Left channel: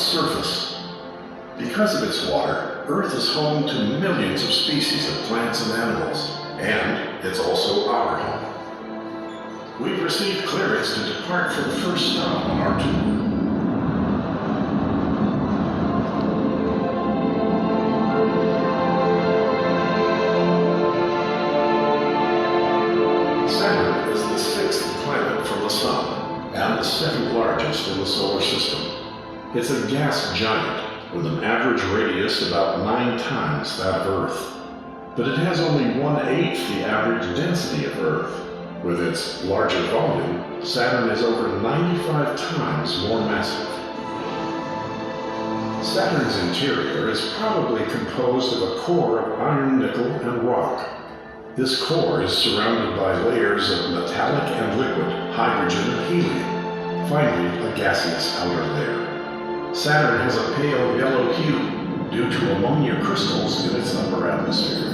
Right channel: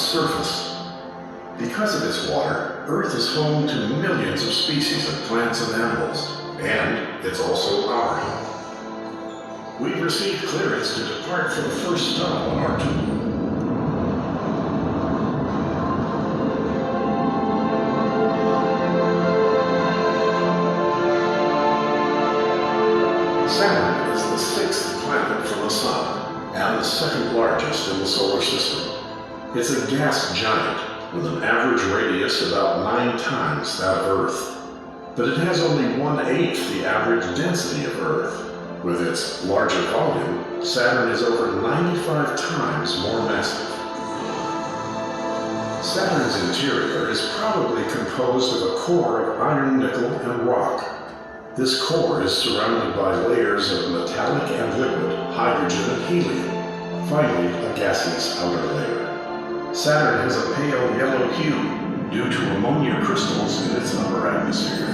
its surface. Because of its water, Earth is home to millions of species of plants and animals, and it's also our home. We've received clearance to depart for the first stop on our tour. Saturn is the sixth planet from the Sun, and the second largest in the solar system. It's a gas giant with an average radius about 9 times that of Earth. But it has only 1/8 the average density of Earth. With its larger volume, Saturn is over 95 times more massive. Saturn's interior is probably composed of a core of iron, nickel, and rock. This core is surrounded by layers of metallic and liquid, hydrogen and helium, finally a gaseous outer layer. Saturn has a pale yellow hue due to ammonia crystals in its upper atmosphere.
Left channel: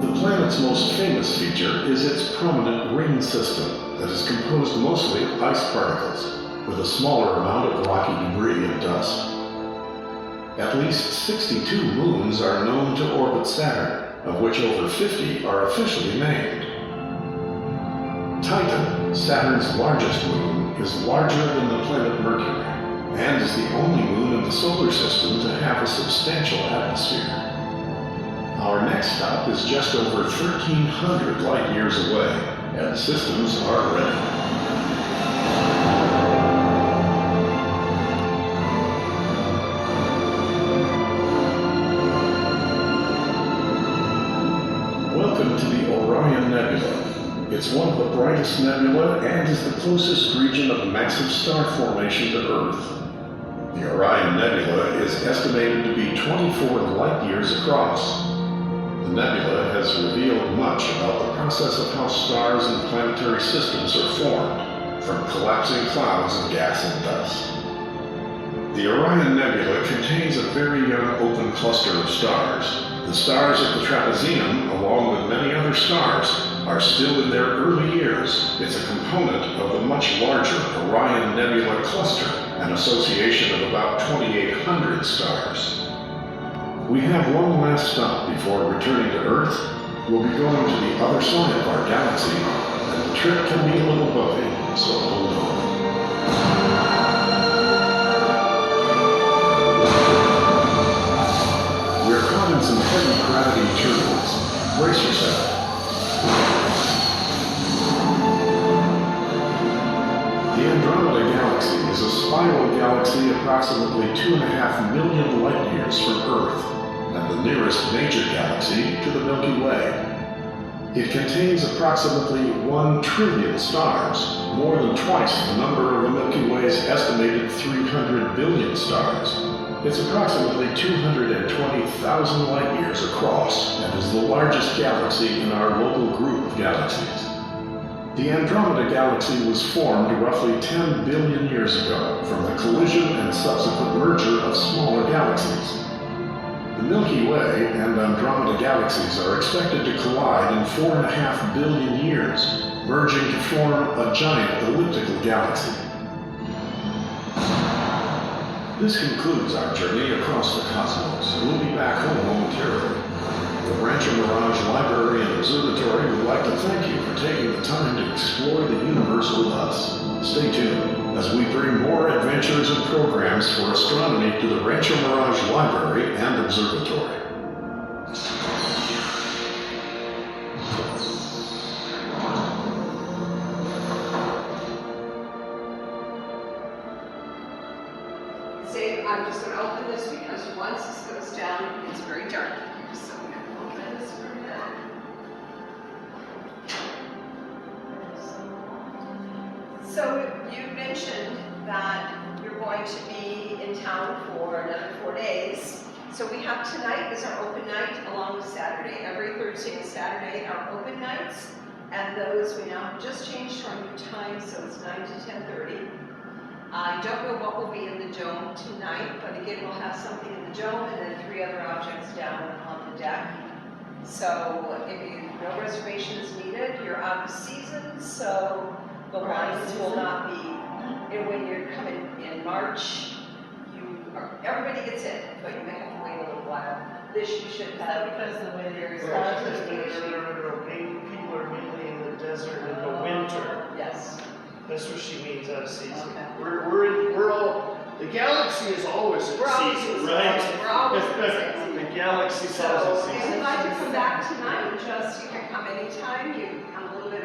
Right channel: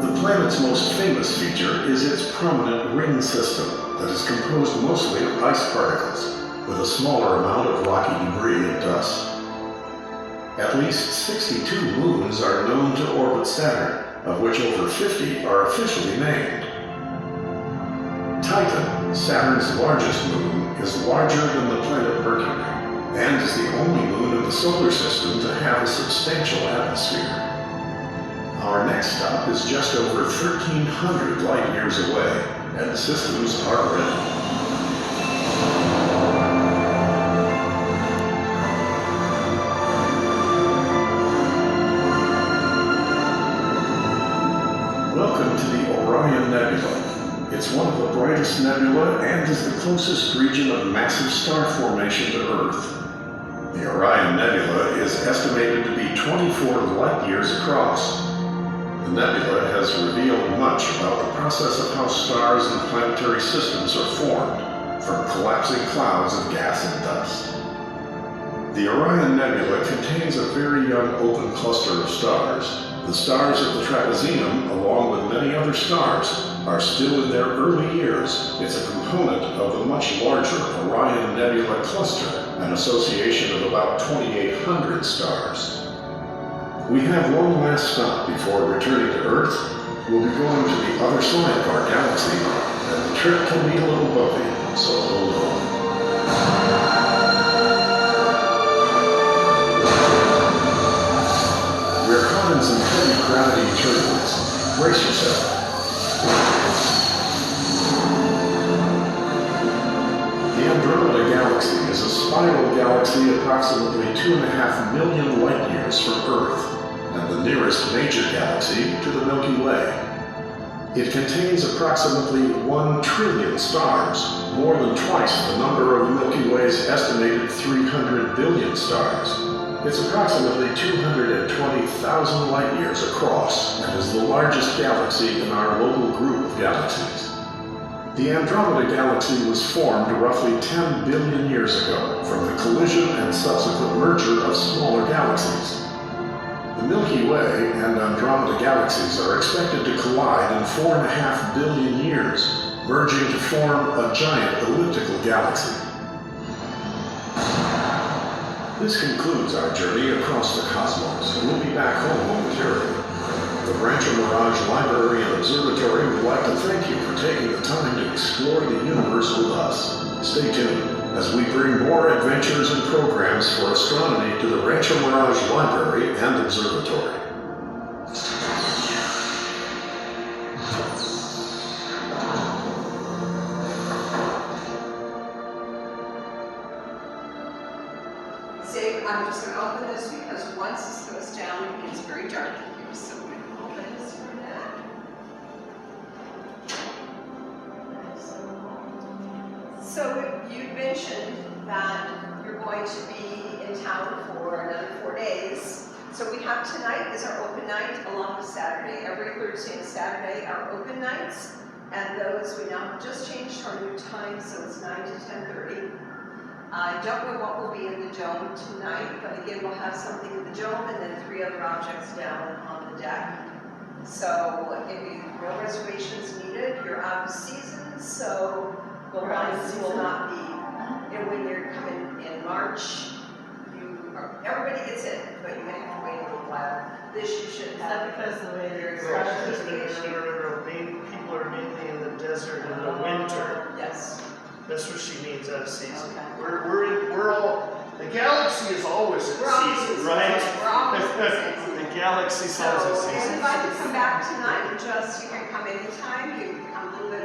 The planet's most famous feature is its prominent ring system that is composed mostly of ice particles, with a smaller amount of rocky debris and dust. At least 62 moons are known to orbit Saturn, of which over 50 are officially named. Titan, Saturn's largest moon, is larger than the planet Mercury, and is the only moon in the solar system to have a substantial atmosphere. Our next stop is just over 1,300 light years away, and the systems are ready. Welcome to the Orion Nebula. It's one of the brightest nebula and is the closest region of massive star formation to Earth. The Orion Nebula is estimated to be 24 light years across. The nebula has revealed much about the process of how stars and planetary systems are formed, from collapsing clouds of gas and dust. The Orion Nebula contains a very young open cluster of stars. The stars of the trapezium, along with many other stars, are still in their early years. It's a component of the much larger Orion Nebula cluster, an association of about 2,800 stars. We have one last stop before returning to Earth. We'll be going to the other side of our galaxy, and the trip can be a little bumpy, so hold on. We're caught in some heavy gravity turbulence. Brace yourself. The Andromeda Galaxy is a spiral galaxy approximately 2.5 million light years from Earth, and the nearest major galaxy to the Milky Way. It contains approximately 1 trillion stars, more than twice the number of the Milky Way's estimated 300 billion stars. It's approximately 220,000 light years across and is the largest galaxy in our local group of galaxies. The Andromeda Galaxy was formed roughly 10 billion years ago from the collision and subsequent merger of smaller galaxies. The Milky Way and Andromeda galaxies are expected to collide in 4.5 billion years, merging to form a giant elliptical galaxy. This concludes our journey across the cosmos, and we'll be back home momentarily. The Rancho Mirage Library and Observatory would like to thank you for taking the time to explore the universe with us. Stay tuned as we bring more adventures and programs for astronomy to the Rancho Mirage Library and Observatory. I'm just going to open this because once this goes down, it gets very dark in here. So I'm going to open this for that. So you mentioned that you're going to be in town for another 4 days. So we have tonight is our open night along with Saturday. Every Thursday and Saturday are open nights. And those we now have just changed to our new time, so it's 9 to 10:30. I don't know what will be in the dome tonight, but again, we'll have something in the dome and then 3 other objects down on the deck. So no reservations needed. So the lines will not be, when you're coming in March, everybody gets in, but you may have to wait a little while. This you should have. Because the way Very it's fresh. people are mainly in the desert in the winter. Yes. That's what she means out of season. Okay. We're all, the galaxy is always in We're always season, in right? season. We're always in season. The galaxy's So, always in and season. if I could come back tonight, just, you can come anytime, you come a little bit